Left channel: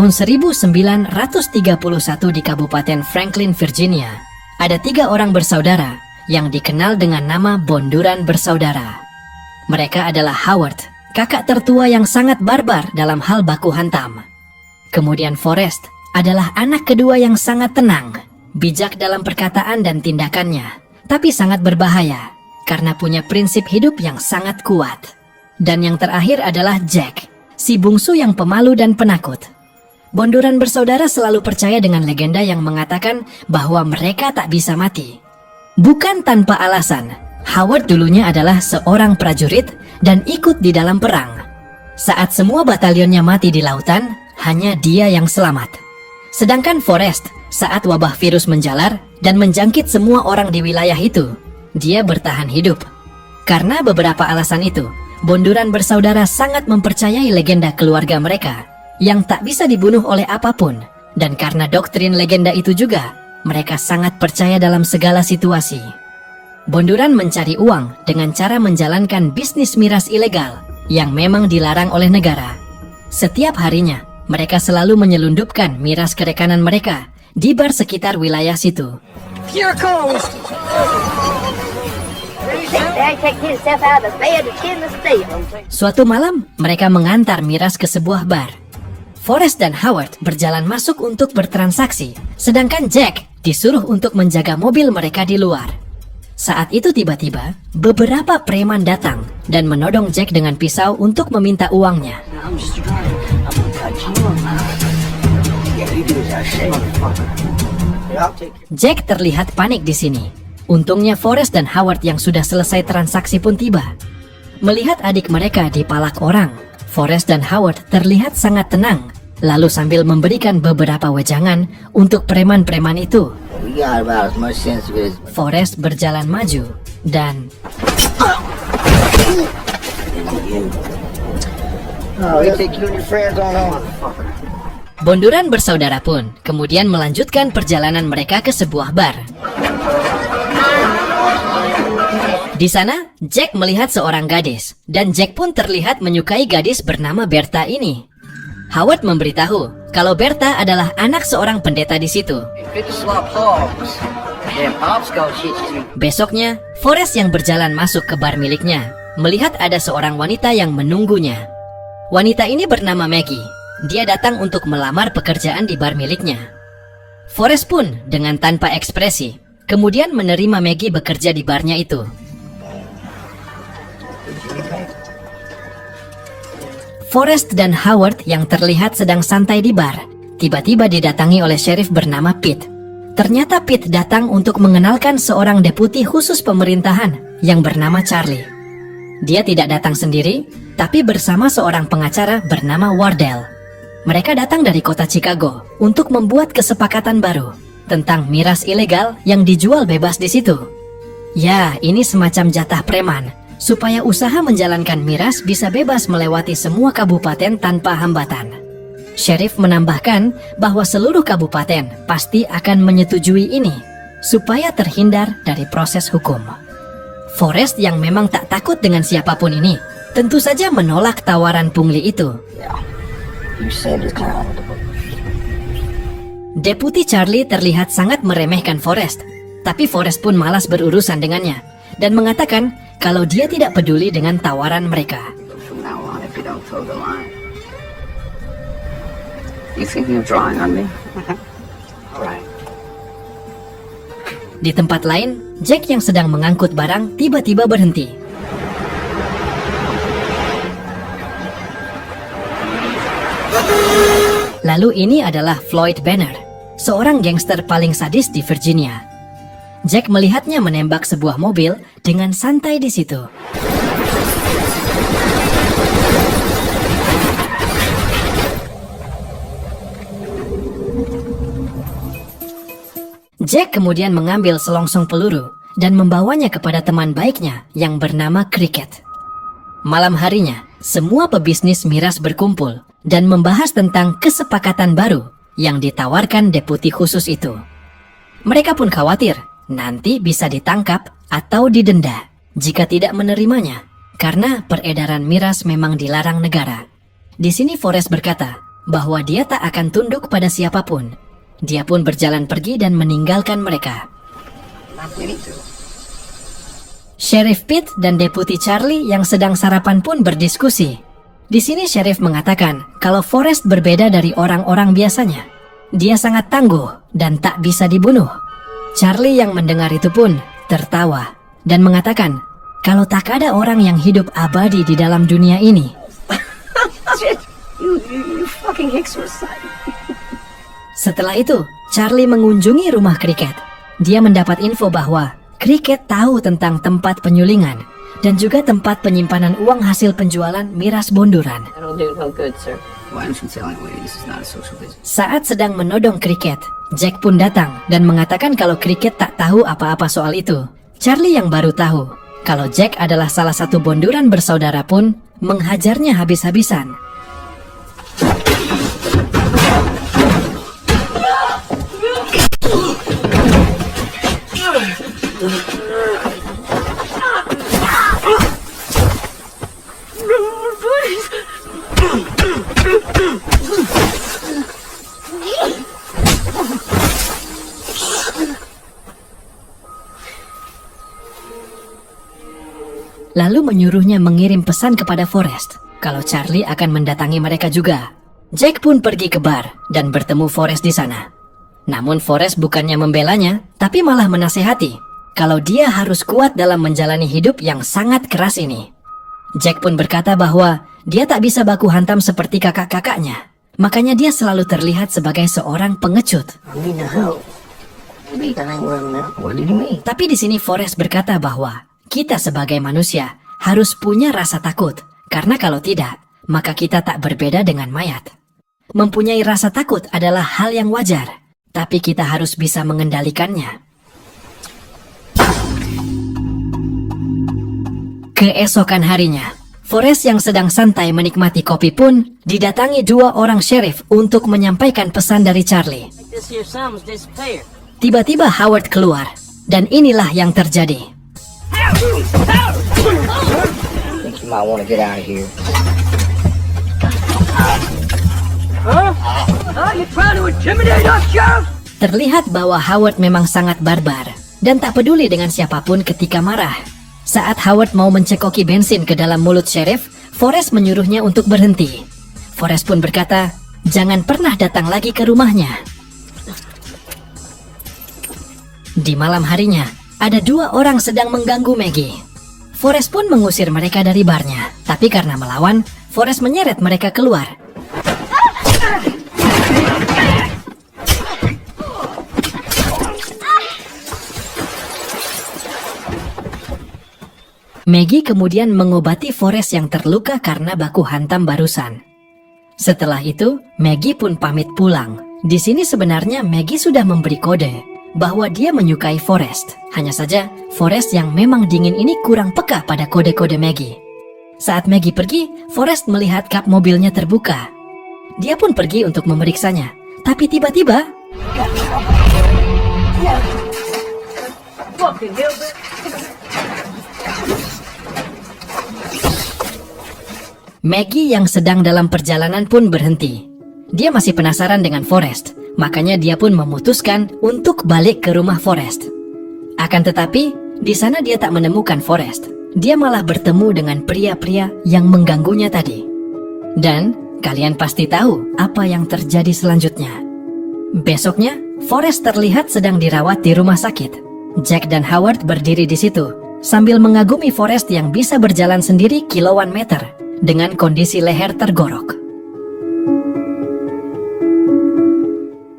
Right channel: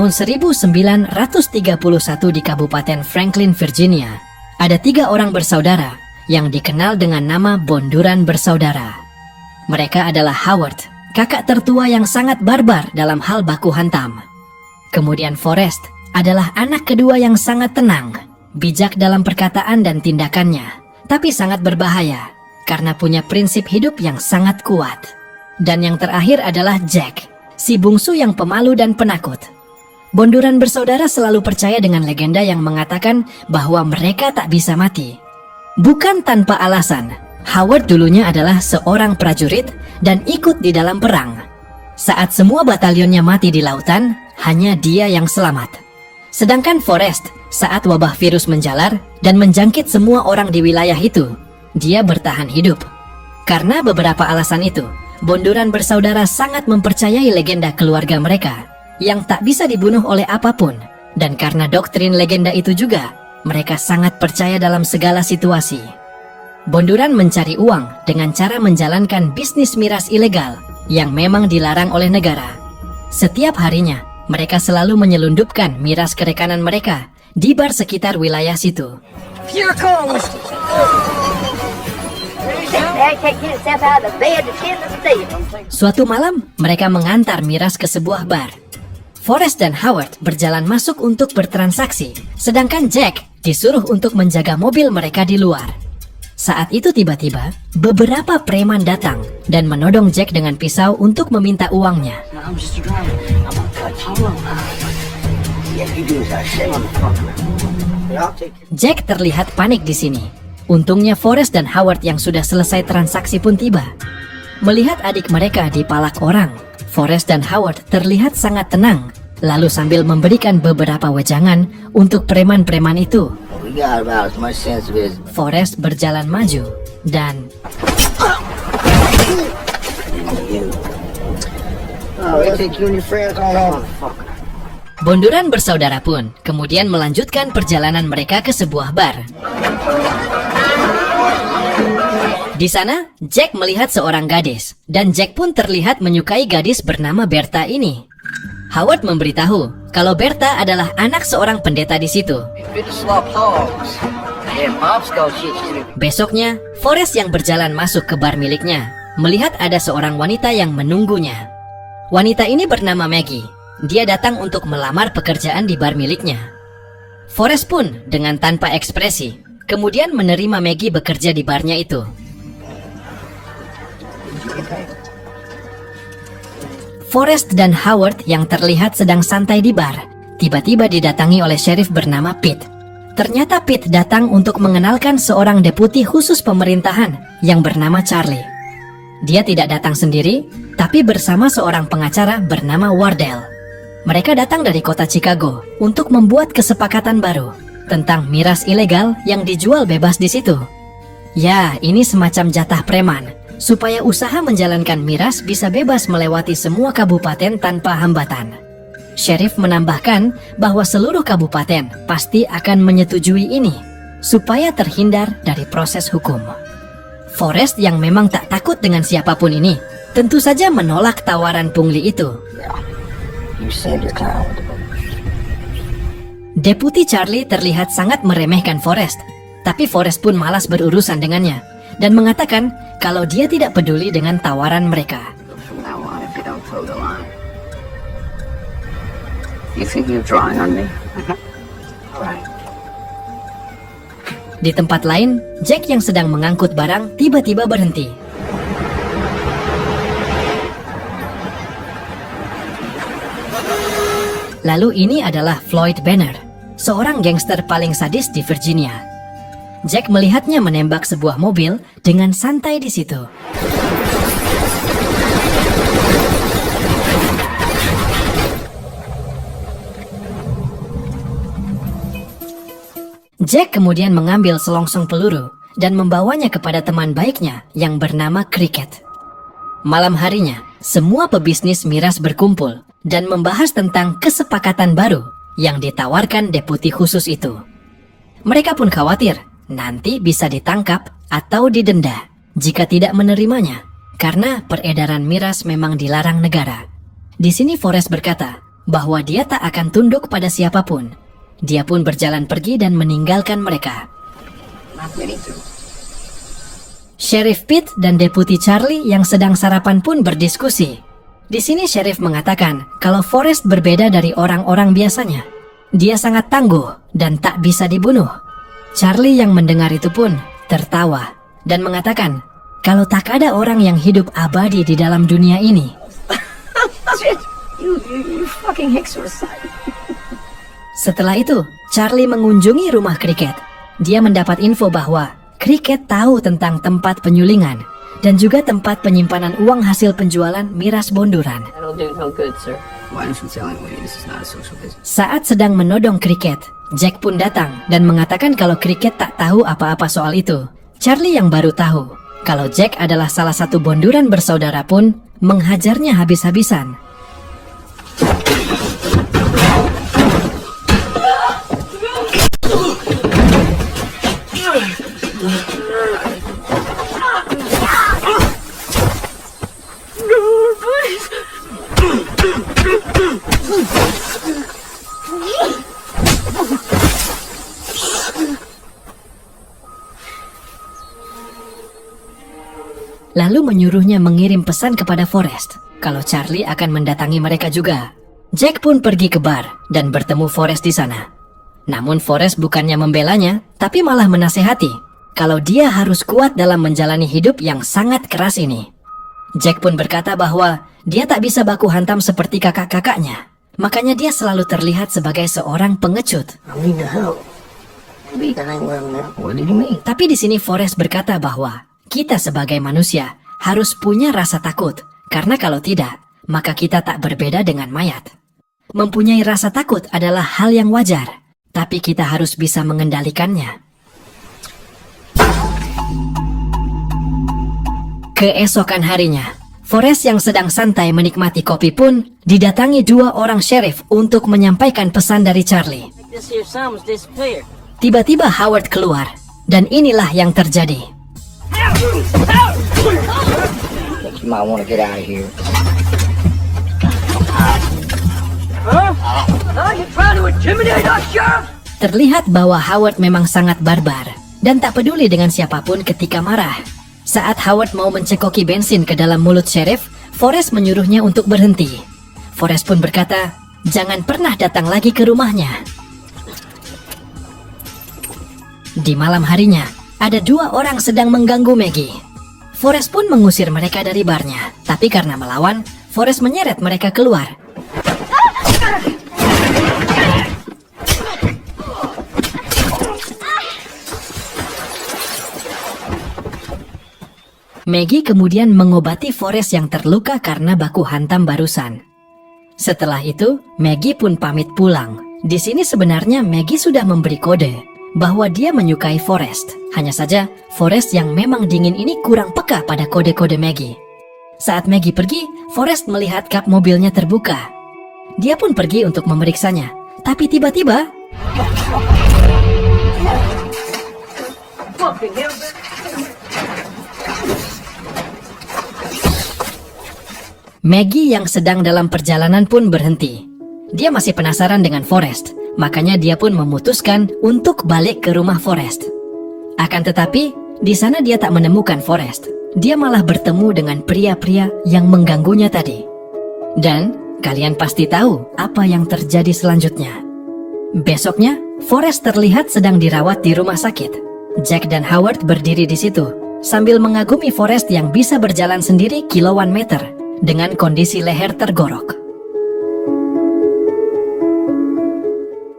tahun 1931 di Kabupaten Franklin, Virginia, ada 3 orang bersaudara yang dikenal dengan nama Bonduran Bersaudara. Mereka adalah Howard, kakak tertua yang sangat barbar dalam hal baku hantam. Kemudian Forrest adalah anak kedua yang sangat tenang, bijak dalam perkataan dan tindakannya, tapi sangat berbahaya karena punya prinsip hidup yang sangat kuat. Dan yang terakhir adalah Jack, si bungsu yang pemalu dan penakut. Bonduran bersaudara selalu percaya dengan legenda yang mengatakan bahwa mereka tak bisa mati. Bukan tanpa alasan, Howard dulunya adalah seorang prajurit dan ikut di dalam perang. Saat semua batalionnya mati di lautan, hanya dia yang selamat. Sedangkan Forrest, saat wabah virus menjalar dan menjangkit semua orang di wilayah itu, dia bertahan hidup. Karena beberapa alasan itu, Bonduran bersaudara sangat mempercayai legenda keluarga mereka yang tak bisa dibunuh oleh apapun. Dan karena doktrin legenda itu juga, mereka sangat percaya dalam segala situasi. Bonduran mencari uang dengan cara menjalankan bisnis miras ilegal yang memang dilarang oleh negara. Setiap harinya, mereka selalu menyelundupkan miras ke rekanan mereka di bar sekitar wilayah situ. Here comes. Suatu malam, mereka mengantar miras ke sebuah bar. Forrest dan Howard berjalan masuk untuk bertransaksi, sedangkan Jack disuruh untuk menjaga mobil mereka di luar. Saat itu tiba-tiba, beberapa preman datang dan menodong Jack dengan pisau untuk meminta uangnya. Jack terlihat panik di sini. Untungnya Forrest dan Howard yang sudah selesai transaksi pun tiba. Melihat adik mereka dipalak orang, Forrest dan Howard terlihat sangat tenang, lalu sambil memberikan beberapa wejangan untuk preman-preman itu. Forrest berjalan maju dan Bonduran bersaudara pun kemudian melanjutkan perjalanan mereka ke sebuah bar. Di sana, Jack melihat seorang gadis, dan Jack pun terlihat menyukai gadis bernama Bertha ini. Howard memberitahu kalau Bertha adalah anak seorang pendeta di situ. Besoknya, Forrest yang berjalan masuk ke bar miliknya, melihat ada seorang wanita yang menunggunya. Wanita ini bernama Maggie. Dia datang untuk melamar pekerjaan di bar miliknya. Forrest pun dengan tanpa ekspresi, kemudian menerima Maggie bekerja di barnya itu. Forrest dan Howard yang terlihat sedang santai di bar, tiba-tiba didatangi oleh sheriff bernama Pete. Ternyata Pete datang untuk mengenalkan seorang deputi khusus pemerintahan yang bernama Charlie. Dia tidak datang sendiri, tapi bersama seorang pengacara bernama Wardell. Mereka datang dari kota Chicago untuk membuat kesepakatan baru tentang miras ilegal yang dijual bebas di situ. Ya, ini semacam jatah preman, supaya usaha menjalankan miras bisa bebas melewati semua kabupaten tanpa hambatan. Sheriff menambahkan bahwa seluruh kabupaten pasti akan menyetujui ini, supaya terhindar dari proses hukum. Forrest yang memang tak takut dengan siapapun ini, tentu saja menolak tawaran pungli itu. Deputi Charlie terlihat sangat meremehkan Forrest, tapi Forrest pun malas berurusan dengannya, dan mengatakan kalau dia tidak peduli dengan tawaran mereka. Di tempat lain, Jack yang sedang mengangkut barang tiba-tiba berhenti. Lalu ini adalah Floyd Banner, seorang gangster paling sadis di Virginia. Jack melihatnya menembak sebuah mobil dengan santai di situ. Jack kemudian mengambil selongsong peluru dan membawanya kepada teman baiknya yang bernama Cricket. Malam harinya, semua pebisnis miras berkumpul dan membahas tentang kesepakatan baru yang ditawarkan deputi khusus itu. Mereka pun khawatir nanti bisa ditangkap atau didenda jika tidak menerimanya, karena peredaran miras memang dilarang negara. Di sini Forrest berkata bahwa dia tak akan tunduk pada siapapun. Dia pun berjalan pergi dan meninggalkan mereka. Sheriff Pete dan Deputi Charlie yang sedang sarapan pun berdiskusi. Di sini Sheriff mengatakan kalau Forrest berbeda dari orang-orang biasanya. Dia sangat tangguh dan tak bisa dibunuh. Charlie yang mendengar itu pun tertawa dan mengatakan kalau tak ada orang yang hidup abadi di dalam dunia ini. Setelah itu, Charlie mengunjungi rumah Cricket. Dia mendapat info bahwa Cricket tahu tentang tempat penyulingan dan juga tempat penyimpanan uang hasil penjualan miras bonduran. Saat sedang menodong Cricket, Jack pun datang dan mengatakan kalau Cricket tak tahu apa-apa soal itu. Charlie yang baru tahu kalau Jack adalah salah satu bonduran bersaudara pun menghajarnya habis-habisan. Lalu menyuruhnya mengirim pesan kepada Forrest kalau Charlie akan mendatangi mereka juga. Jack pun pergi ke bar dan bertemu Forrest di sana. Namun Forrest bukannya membelanya, tapi malah menasehati kalau dia harus kuat dalam menjalani hidup yang sangat keras ini. Jack pun berkata bahwa dia tak bisa baku hantam seperti kakak-kakaknya. Makanya dia selalu terlihat sebagai seorang pengecut. Tapi di sini Forrest berkata bahwa kita sebagai manusia harus punya rasa takut, karena kalau tidak, maka kita tak berbeda dengan mayat. Mempunyai rasa takut adalah hal yang wajar, tapi kita harus bisa mengendalikannya. Keesokan harinya, Forrest yang sedang santai menikmati kopi pun didatangi dua orang sheriff untuk menyampaikan pesan dari Charlie. Tiba-tiba Howard keluar, dan inilah yang terjadi. Terlihat bahwa Howard memang sangat barbar dan tak peduli dengan siapapun ketika marah. Saat Howard mau mencekoki bensin ke dalam mulut sheriff, Forrest menyuruhnya untuk berhenti. Forrest pun berkata, jangan pernah datang lagi ke rumahnya. Di malam harinya, ada dua orang sedang mengganggu Maggie. Forrest pun mengusir mereka dari barnya, tapi karena melawan, Forrest menyeret mereka keluar. Maggie kemudian mengobati Forrest yang terluka karena baku hantam barusan. Setelah itu, Maggie pun pamit pulang. Di sini sebenarnya Maggie sudah memberi kode bahwa dia menyukai Forrest. Hanya saja, Forrest yang memang dingin ini kurang peka pada kode-kode Maggie. Saat Maggie pergi, Forrest melihat kap mobilnya terbuka. Dia pun pergi untuk memeriksanya. Tapi tiba-tiba... Maggie yang sedang dalam perjalanan pun berhenti. Dia masih penasaran dengan Forrest, makanya dia pun memutuskan untuk balik ke rumah Forrest. Akan tetapi, di sana dia tak menemukan Forrest. Dia malah bertemu dengan pria-pria yang mengganggunya tadi. Dan kalian pasti tahu apa yang terjadi selanjutnya. Besoknya, Forrest terlihat sedang dirawat di rumah sakit. Jack dan Howard berdiri di situ, sambil mengagumi Forrest yang bisa berjalan sendiri kilauan meter dengan kondisi leher tergorok.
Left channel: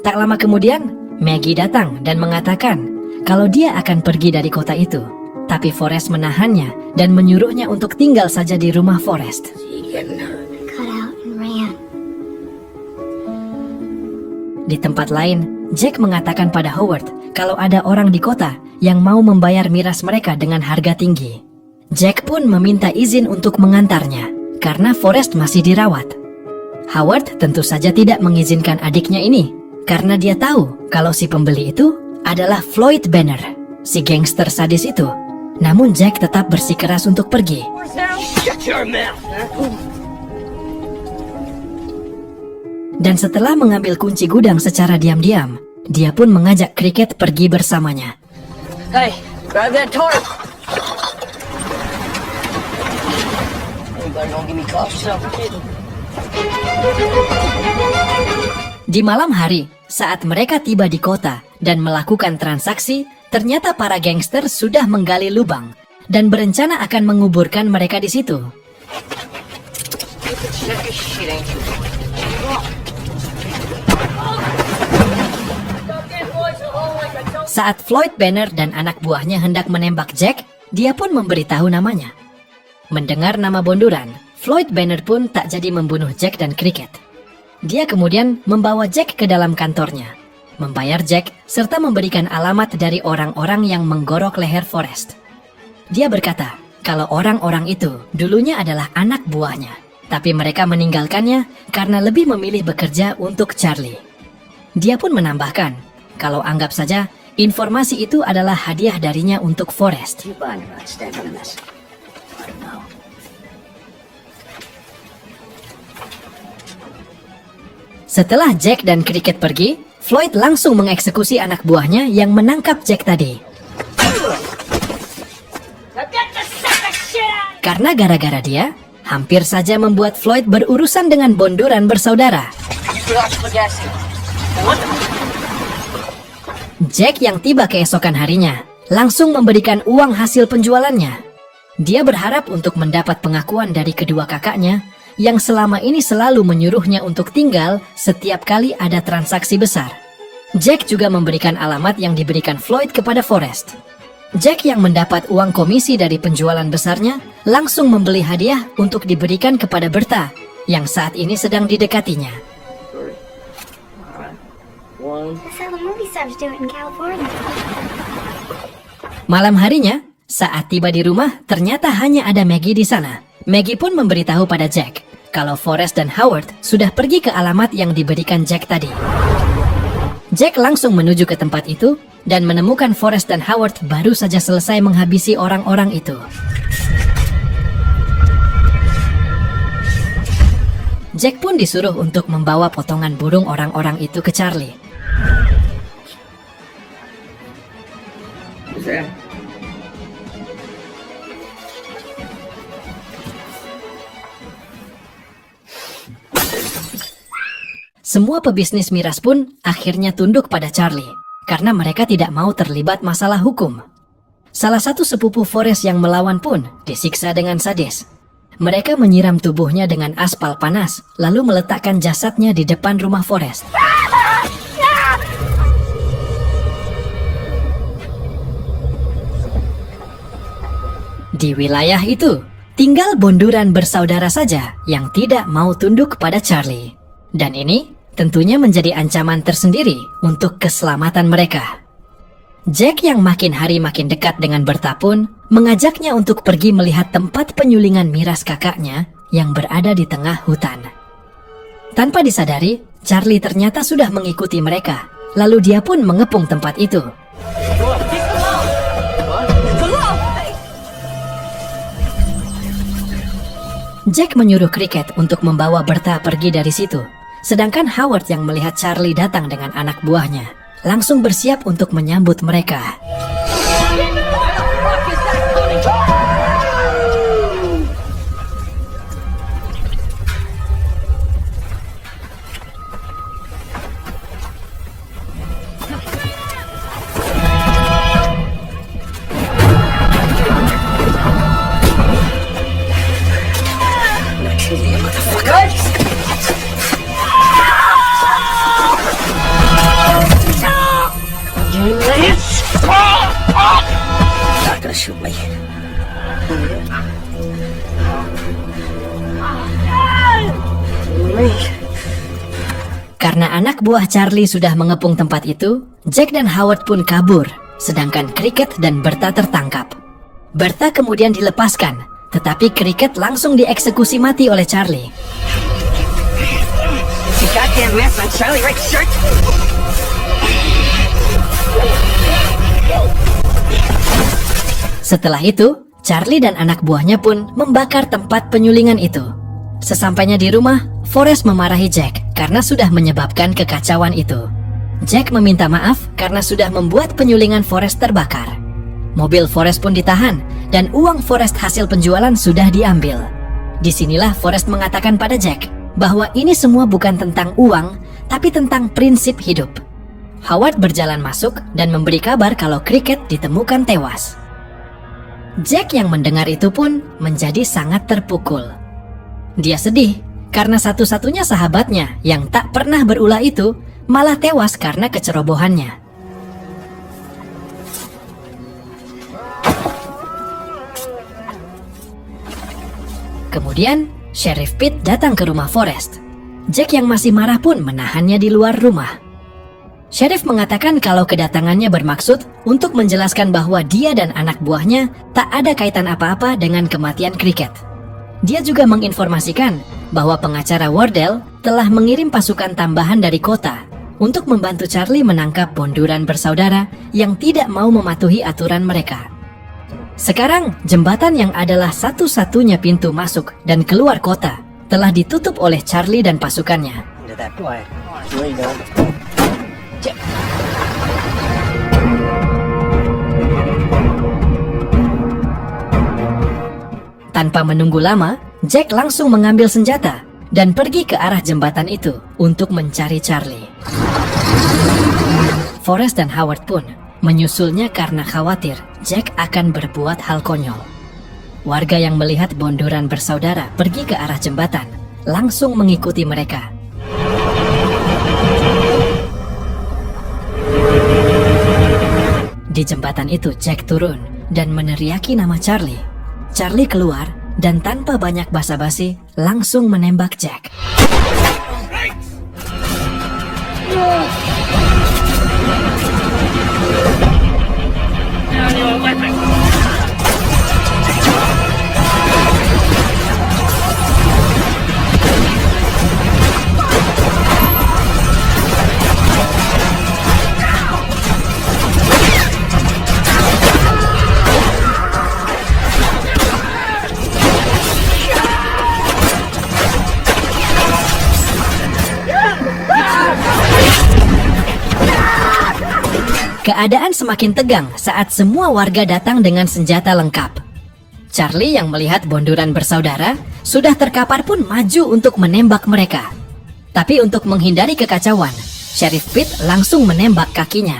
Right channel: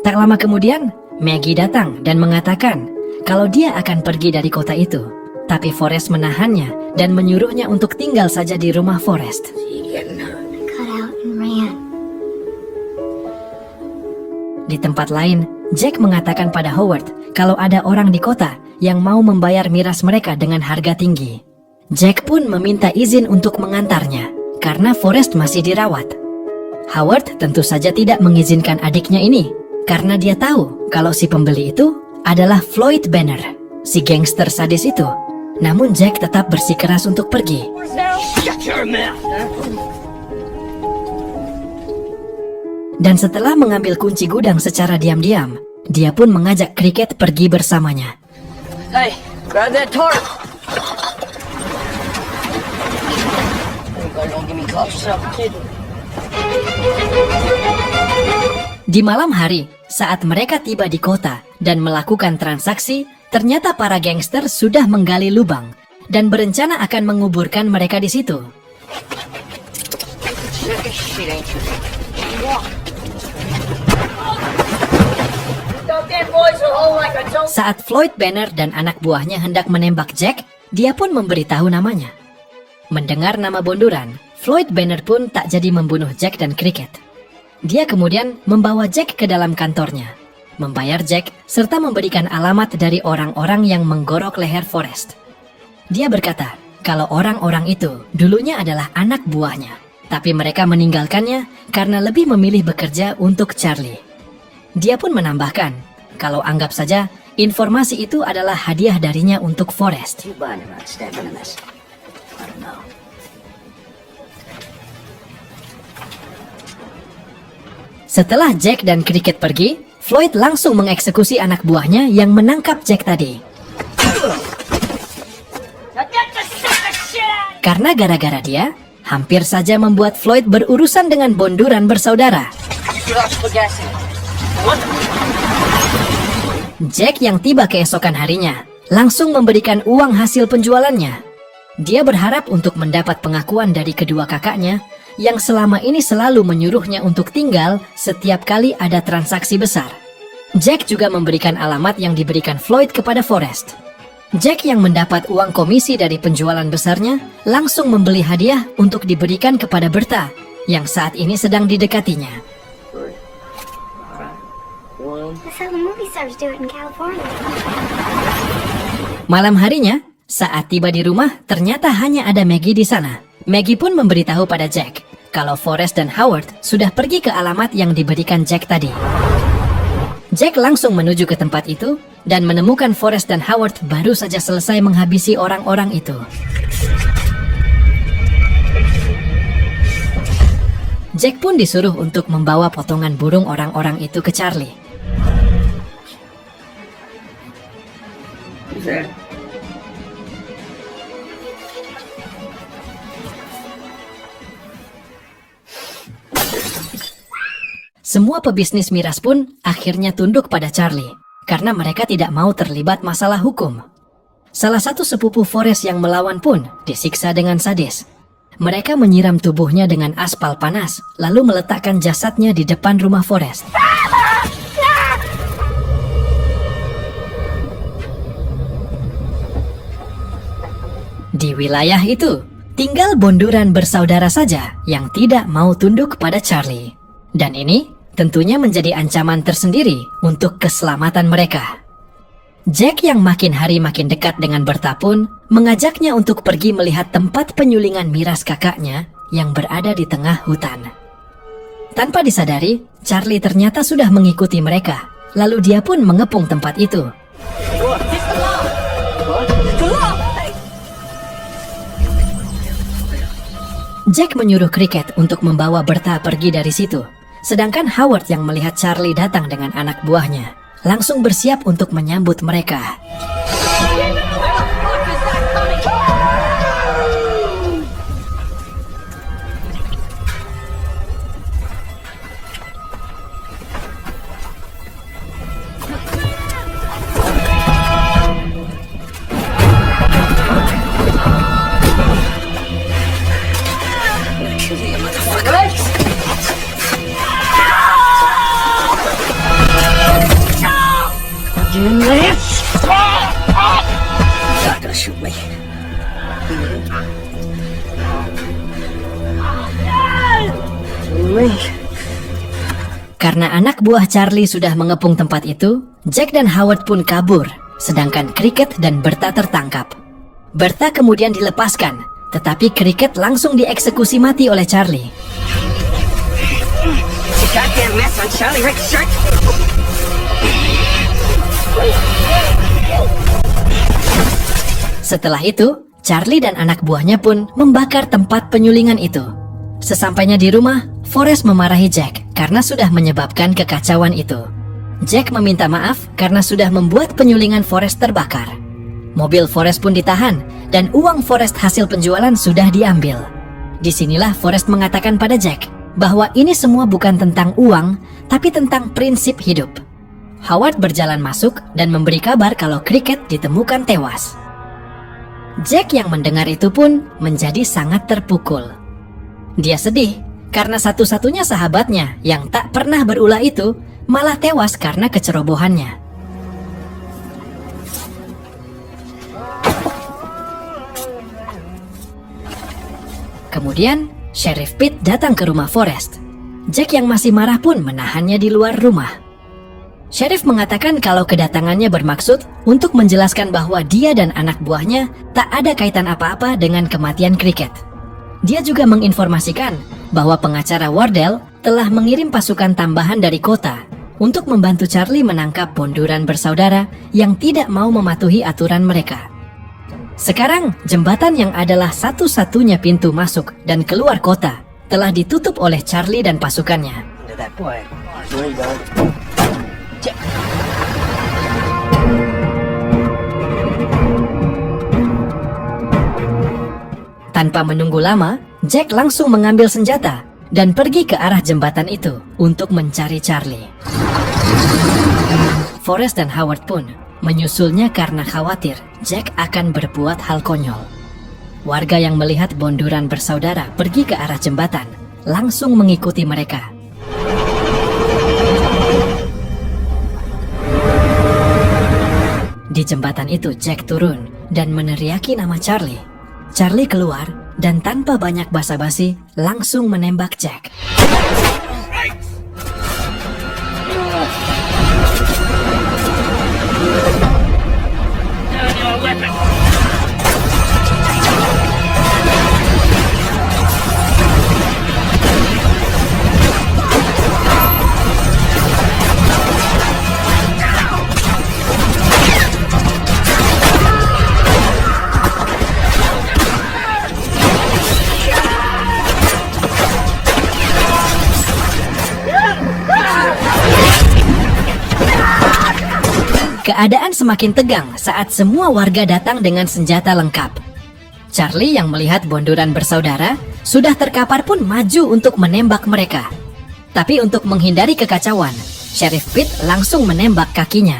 Tak lama kemudian, Maggie datang dan mengatakan kalau dia akan pergi dari kota itu. Tapi Forrest menahannya dan menyuruhnya untuk tinggal saja di rumah Forrest. Di tempat lain, Jack mengatakan pada Howard kalau ada orang di kota yang mau membayar miras mereka dengan harga tinggi. Jack pun meminta izin untuk mengantarnya karena Forrest masih dirawat. Howard tentu saja tidak mengizinkan adiknya ini karena dia tahu kalau si pembeli itu adalah Floyd Banner, si gangster sadis itu. Namun Jack tetap bersikeras untuk pergi. Dan setelah mengambil kunci gudang secara diam-diam, dia pun mengajak Cricket pergi bersamanya. Hey, grab that torch. Everybody don't give me cough. Di malam hari, saat mereka tiba di kota dan melakukan transaksi, ternyata para gangster sudah menggali lubang dan berencana akan menguburkan mereka di situ. Saat Floyd Banner dan anak buahnya hendak menembak Jack, dia pun memberitahu namanya. Mendengar nama bonduran, Floyd Banner pun tak jadi membunuh Jack dan Cricket. Dia kemudian membawa Jack ke dalam kantornya, membayar Jack, serta memberikan alamat dari orang-orang yang menggorok leher Forrest. Dia berkata kalau orang-orang itu dulunya adalah anak buahnya, tapi mereka meninggalkannya karena lebih memilih bekerja untuk Charlie. Dia pun menambahkan kalau anggap saja informasi itu adalah hadiah darinya untuk Forrest. Setelah Jack dan Cricket pergi, Floyd langsung mengeksekusi anak buahnya yang menangkap Jack tadi. Karena gara-gara dia, hampir saja membuat Floyd berurusan dengan bonduran bersaudara. Jack yang tiba keesokan harinya, langsung memberikan uang hasil penjualannya. Dia berharap untuk mendapat pengakuan dari kedua kakaknya, yang selama ini selalu menyuruhnya untuk tinggal setiap kali ada transaksi besar. Jack juga memberikan alamat yang diberikan Floyd kepada Forrest. Jack yang mendapat uang komisi dari penjualan besarnya langsung membeli hadiah untuk diberikan kepada Bertha yang saat ini sedang didekatinya. Malam harinya, saat tiba di rumah, ternyata hanya ada Maggie di sana. Maggie pun memberitahu pada Jack kalau Forrest dan Howard sudah pergi ke alamat yang diberikan Jack tadi. Jack langsung menuju ke tempat itu dan menemukan Forrest dan Howard baru saja selesai menghabisi orang-orang itu. Jack pun disuruh untuk membawa potongan burung orang-orang itu ke Charlie. Semua pebisnis miras pun akhirnya tunduk pada Charlie, karena mereka tidak mau terlibat masalah hukum. Salah satu sepupu Forrest yang melawan pun disiksa dengan sadis. Mereka menyiram tubuhnya dengan aspal panas, lalu meletakkan jasadnya di depan rumah Forrest. Di wilayah itu, tinggal bonduran bersaudara saja yang tidak mau tunduk pada Charlie. Dan ini tentunya menjadi ancaman tersendiri untuk keselamatan mereka. Jack yang makin hari makin dekat dengan Bertha pun mengajaknya untuk pergi melihat tempat penyulingan miras kakaknya yang berada di tengah hutan. Tanpa disadari, Charlie ternyata sudah mengikuti mereka, lalu dia pun mengepung tempat itu. Jack menyuruh Cricket untuk membawa Bertha pergi dari situ. Sedangkan Howard yang melihat Charlie datang dengan anak buahnya, langsung bersiap untuk menyambut mereka. Not gonna shoot me. Karena anak buah Charlie sudah mengepung tempat itu, Jack dan Howard pun kabur, sedangkan Cricket dan Bertha tertangkap. Bertha kemudian dilepaskan, tetapi Cricket langsung dieksekusi mati oleh Charlie. Setelah itu, Charlie dan anak buahnya pun membakar tempat penyulingan itu. Sesampainya di rumah, Forrest memarahi Jack karena sudah menyebabkan kekacauan itu. Jack meminta maaf karena sudah membuat penyulingan Forrest terbakar. Mobil Forrest pun ditahan dan uang Forrest hasil penjualan sudah diambil. Disinilah Forrest mengatakan pada Jack bahwa ini semua bukan tentang uang, tapi tentang prinsip hidup. Howard berjalan masuk dan memberi kabar kalau Cricket ditemukan tewas. Jack yang mendengar itu pun menjadi sangat terpukul. Dia sedih karena satu-satunya sahabatnya yang tak pernah berulah itu malah tewas karena kecerobohannya. Kemudian, Sheriff Pete datang ke rumah Forrest. Jack yang masih marah pun menahannya di luar rumah. Sheriff mengatakan kalau kedatangannya bermaksud untuk menjelaskan bahwa dia dan anak buahnya tak ada kaitan apa-apa dengan kematian Cricket. Dia juga menginformasikan bahwa pengacara Wardell telah mengirim pasukan tambahan dari kota untuk membantu Charlie menangkap bonduran bersaudara yang tidak mau mematuhi aturan mereka. Sekarang, jembatan yang adalah satu-satunya pintu masuk dan keluar kota telah ditutup oleh Charlie dan pasukannya. Tanpa menunggu lama, Jack langsung mengambil senjata dan pergi ke arah jembatan itu untuk mencari Charlie. Forrest dan Howard pun menyusulnya karena khawatir Jack akan berbuat hal konyol. Warga yang melihat bonduran bersaudara pergi ke arah jembatan langsung mengikuti mereka. Di jembatan itu Jack turun dan meneriaki nama Charlie. Charlie keluar dan tanpa banyak basa-basi langsung menembak Jack. Keadaan semakin tegang saat semua warga datang dengan senjata lengkap. Charlie yang melihat bonduran bersaudara sudah terkapar pun maju untuk menembak mereka. Tapi untuk menghindari kekacauan, Sheriff Pete langsung menembak kakinya.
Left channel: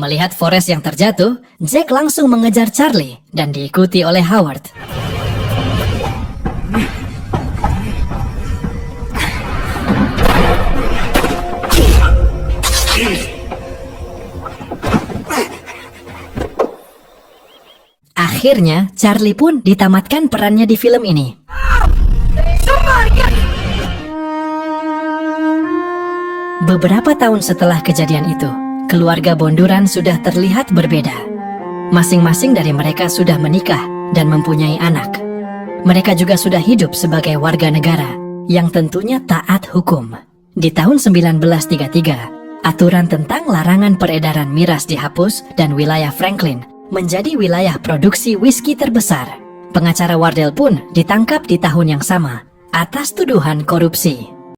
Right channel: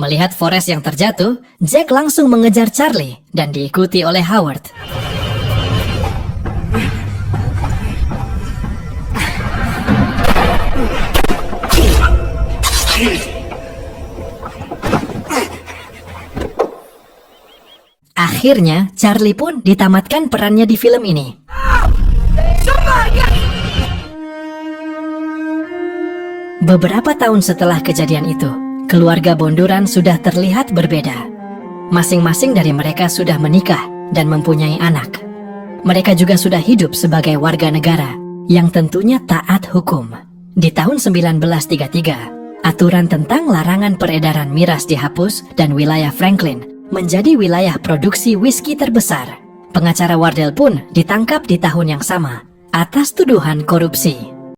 Melihat Forrest yang terjatuh, Jack langsung mengejar Charlie dan diikuti oleh Howard. Akhirnya, Charlie pun ditamatkan perannya di film ini. Beberapa tahun setelah kejadian itu, keluarga bonduran sudah terlihat berbeda. Masing-masing dari mereka sudah menikah dan mempunyai anak. Mereka juga sudah hidup sebagai warga negara yang tentunya taat hukum. Di tahun 1933, aturan tentang larangan peredaran miras dihapus dan wilayah Franklin menjadi wilayah produksi whisky terbesar. Pengacara Wardell pun ditangkap di tahun yang sama atas tuduhan korupsi.